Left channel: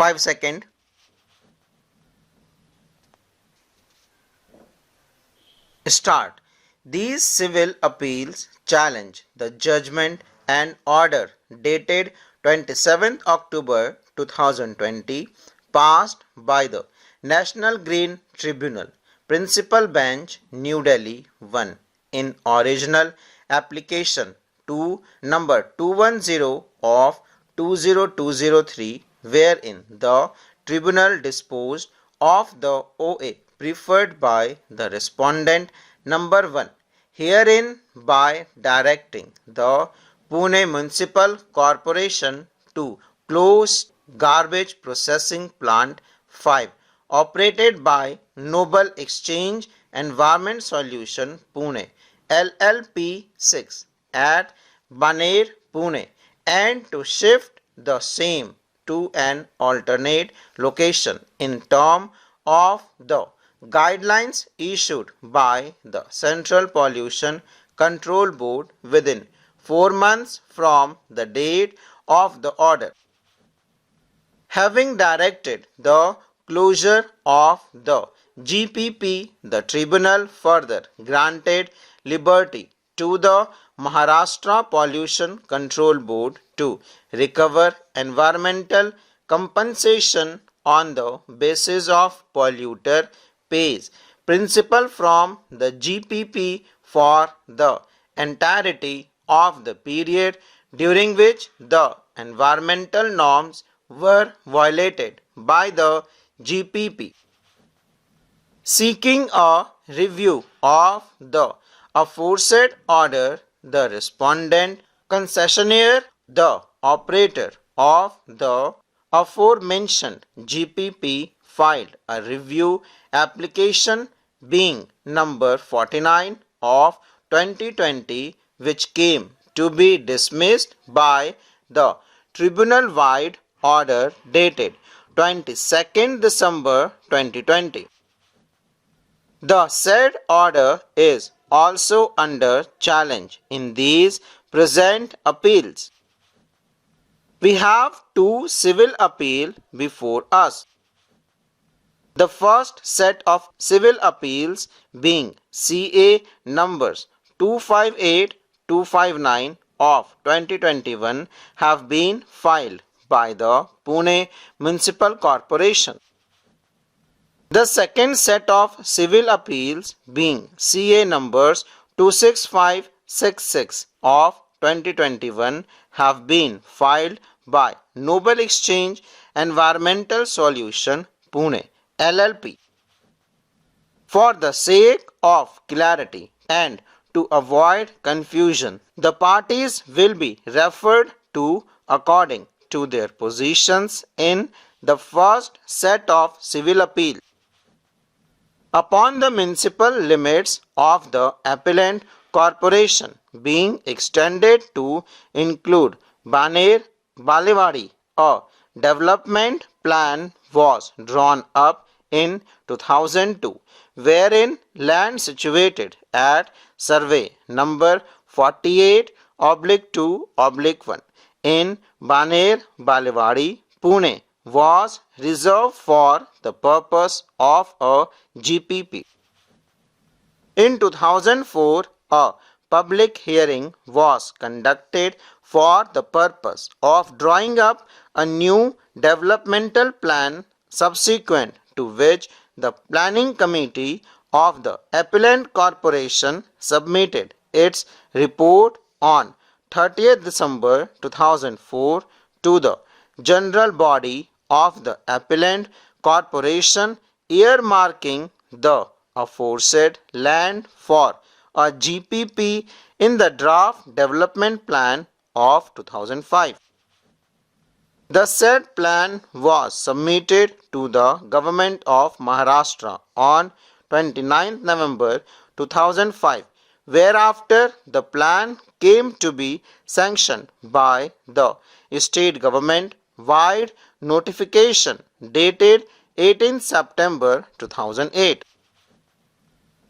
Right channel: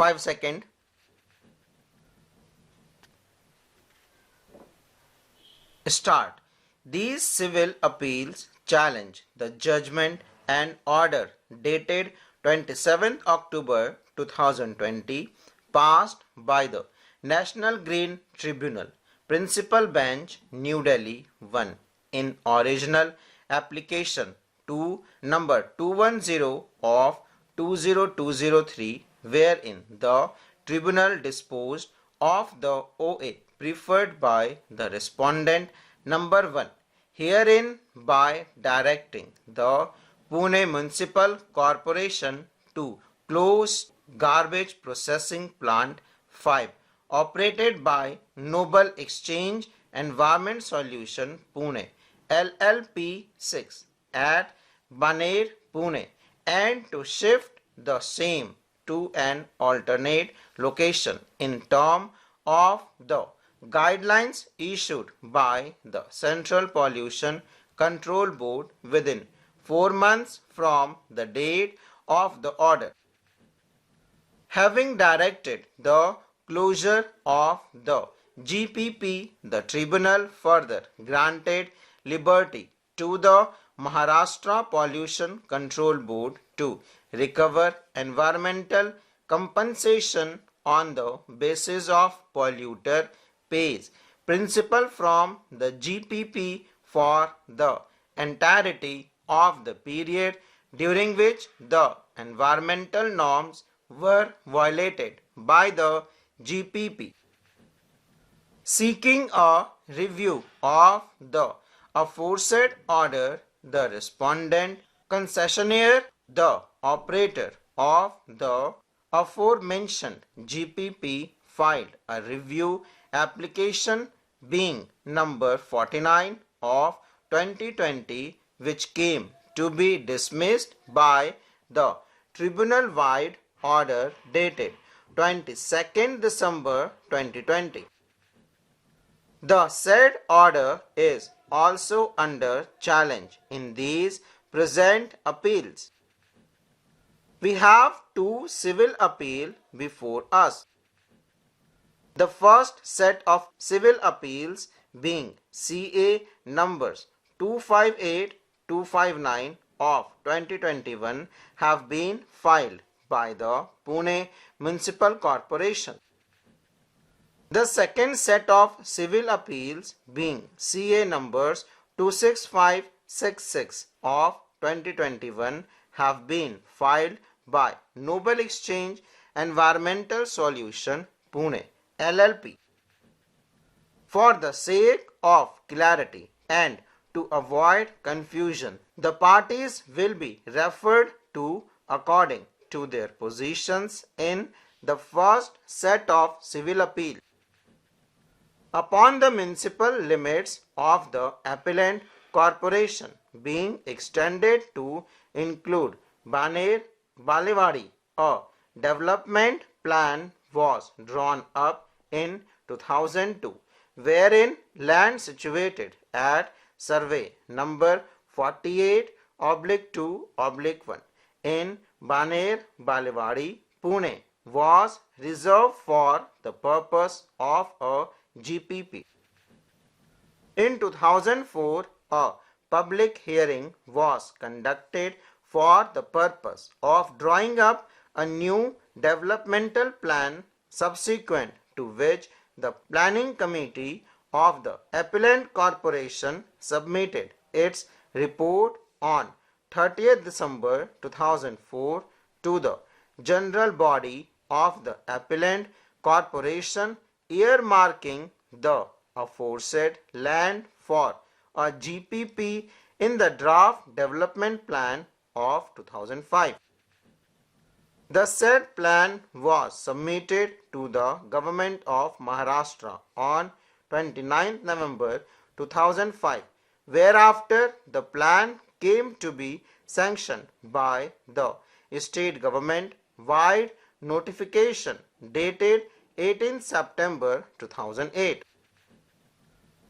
5 seconds. Start. These civil appeals challenge the judgment and order dated 27th October 2020 passed by the National Green Tribunal, Principal Bench, New Delhi 1 in original application to number 210 of 20203, wherein the tribunal disposed of the OA preferred by the respondent number 1, herein by directing the Pune Municipal Corporation to close garbage processing plant 5 operated by Noble Exchange Environment Solution Pune LLP 6 at Baner, Pune, and to shift the same to an alternate location in terms of the guidelines issued by the Central Pollution Control Board within 4 months from the date of the order. Having directed the closure of the GPP, the tribunal further granted liberty to the Maharashtra Pollution Control Board to recover environmental compensation on the basis of polluter pays principle from the GPP for the entirety of the period during which the environmental norms were violated by the GPP. Seeking a review of the aforesaid order, the respondent concessionaire, the operator of the aforementioned GPP, filed a review application being number 49 of 2020, which came to be dismissed by the tribunal-wide order dated 22nd December 2020. The said order is also under challenge in these present appeals. We have two civil appeals before us. The first set of civil appeals being CA numbers 258-259 of 2021 have been filed by the Pune Municipal Corporation. The second set of civil appeals being CA numbers 26566 of 2021 have been filed by Noble Exchange Environmental Solution Pune LLP. For the sake of clarity and to avoid confusion, the parties will be referred to according to their positions in the first set of civil appeals. Upon the municipal limits of the appellant corporation being extended to include Baner, Balewadi, a development plan was drawn up in 2002, wherein land situated at survey number 48/2/1 in Baner, Balewadi, Pune was reserved for the purpose of a GPP. In 2004, a public hearing was conducted for the purpose of drawing up a new developmental plan, subsequent to which the planning committee of the appellant corporation submitted its report on 30th December 2004 to the general body of the appellant corporation, earmarking the aforesaid land for a GPP in the draft development plan of 2005. The said plan was submitted to the Government of Maharashtra on 29th November 2005, whereafter the plan came to be sanctioned by the state government wide notification dated 18th September 2008.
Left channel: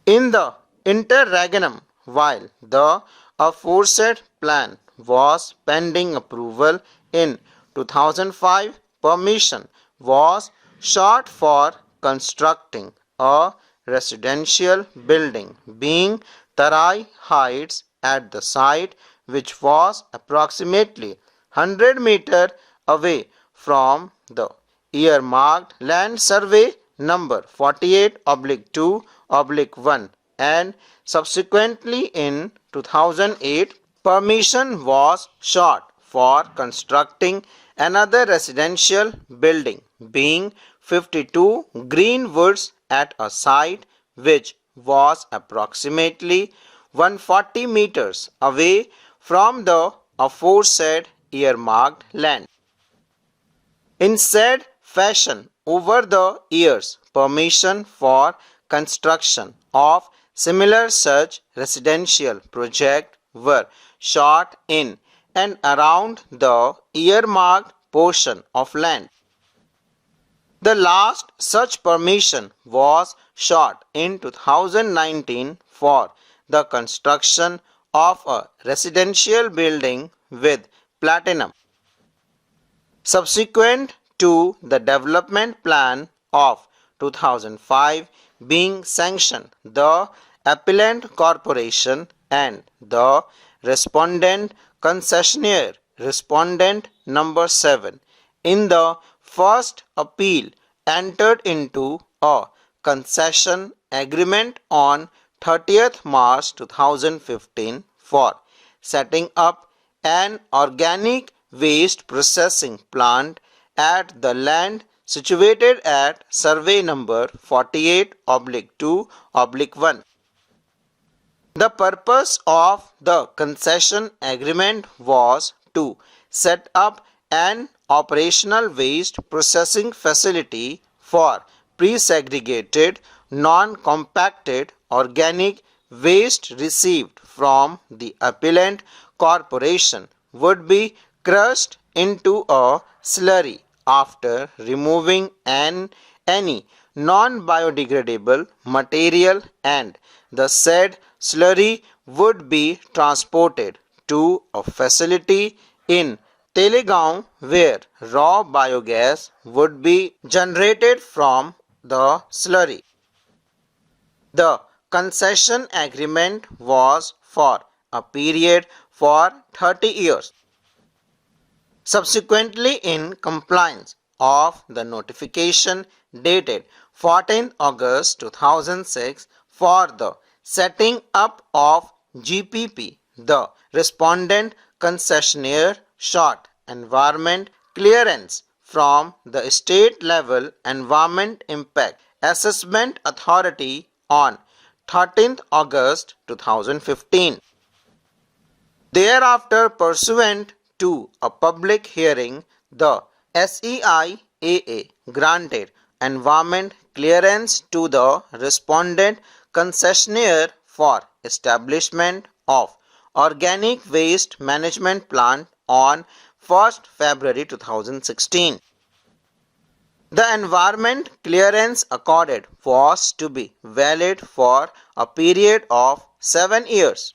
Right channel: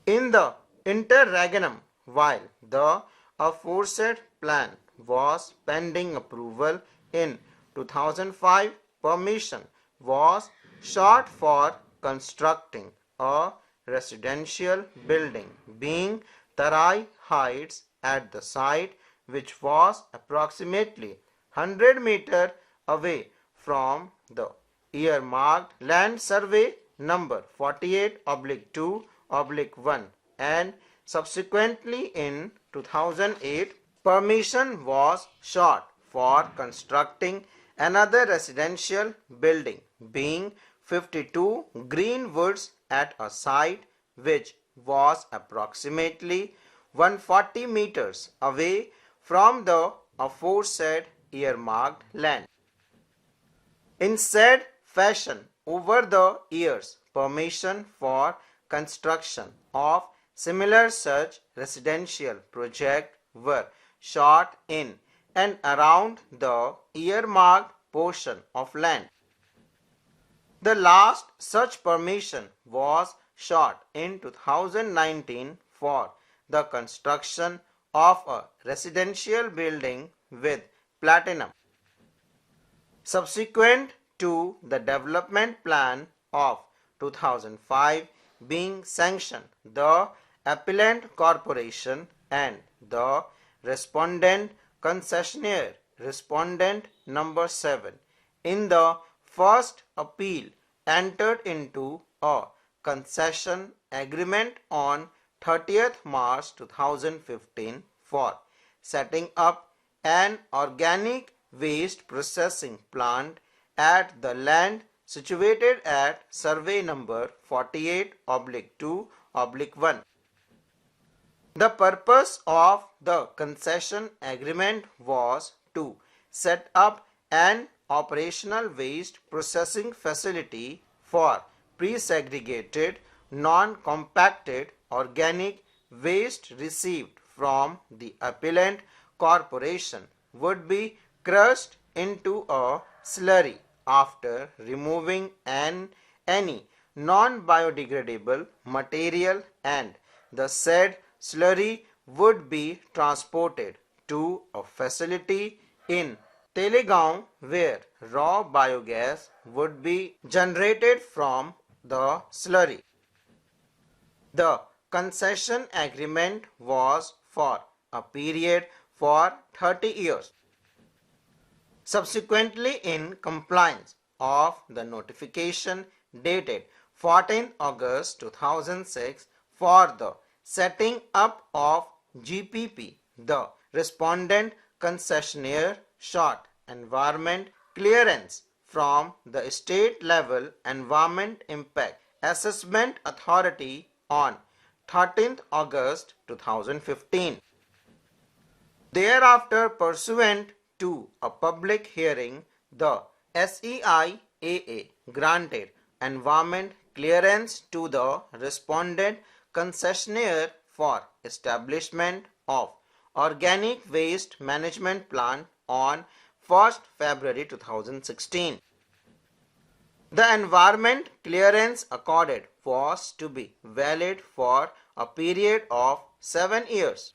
In the interregnum, while the aforesaid plan was pending approval in 2005, permission was short for constructing a residential building being Tarai Heights at the site, which was approximately 100 meters away from the earmarked land survey number 48/2/1, and subsequently in 2008 permission was sought for constructing another residential building being 52 Greenwoods at a site which was approximately 140 meters away from the aforesaid earmarked land. In said fashion, over the years, permission for construction of similar such residential projects were sought in and around the earmarked portion of land. The last such permission was sought in 2019 for the construction of a residential building with platinum. Subsequent to the development plan of 2005 being sanctioned, the appellant corporation and the respondent concessionaire, respondent number 7, in the first appeal entered into a concession agreement on 30th March 2015 for setting up an organic waste processing plant at the land situated at survey number 48/2/1. The purpose of the concession agreement was to set up an operational waste processing facility for pre-segregated, non-compacted organic waste received from the appellant corporation would be crushed into a slurry after removing any non-biodegradable material, and the said slurry would be transported to a facility in Telegaon where raw biogas would be generated from the slurry. The concession agreement was for a period for 30 years. Subsequently, in compliance of the notification dated 14 August 2006 for the setting up of GPP, the respondent concessionaire sought environment clearance from the state level Environment Impact Assessment Authority on 13th August 2015. Thereafter, pursuant to a public hearing, the SEIAA granted environment clearance to the respondent concessionaire for establishment of organic waste management plant on 1st February 2016. The environment clearance accorded was to be valid for a period of 7 years.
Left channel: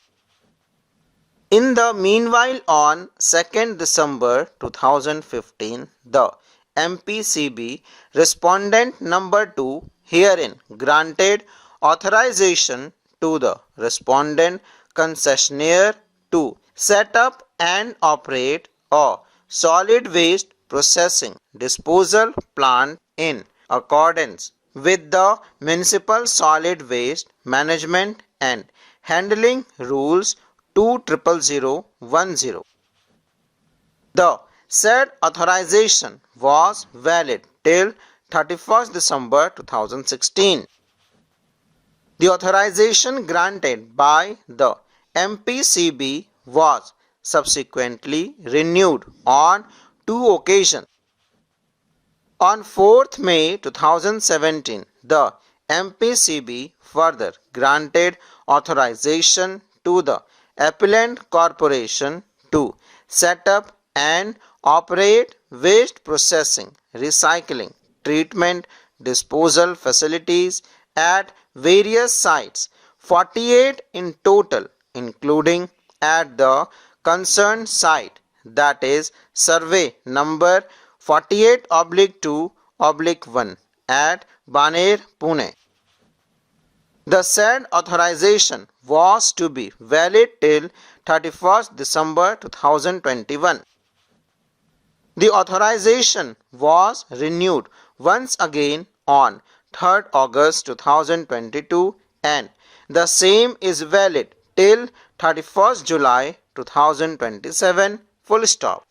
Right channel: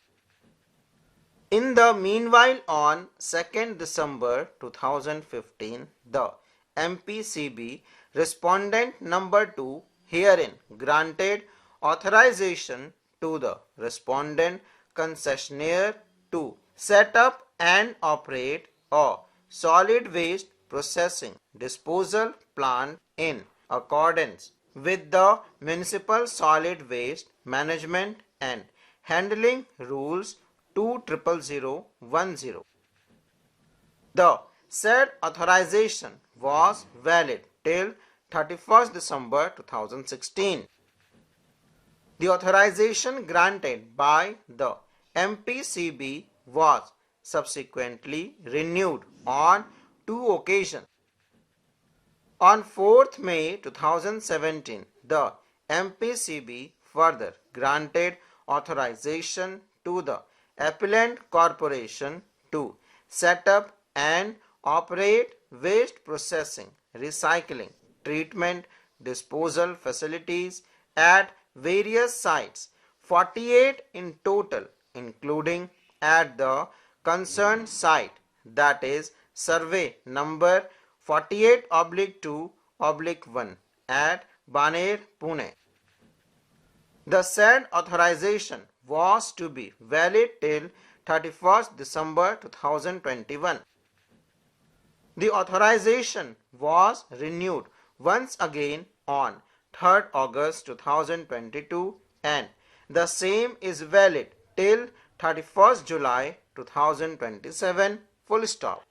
In the meanwhile, on 2nd December 2015, the MPCB respondent number 2 herein granted authorization to the respondent concessionaire to set up and operate a solid waste processing disposal plant in accordance with the Municipal Solid Waste Management and Handling Rules 2/00010. The said authorization was valid till 31st December 2016. The authorization granted by the MPCB was subsequently renewed on 2 occasions. On 4th May 2017, the MPCB further granted authorization to the appellant corporation to set up and operate waste processing, recycling, treatment, disposal facilities at various sites, 48 in total, including at the concerned site, that is survey number 48/2 1 at Baner, Pune. The said authorization was to be valid till 31st December 2021. The authorization was renewed once again on 3rd August 2022 and the same is valid till 31st July 2027. Full stop.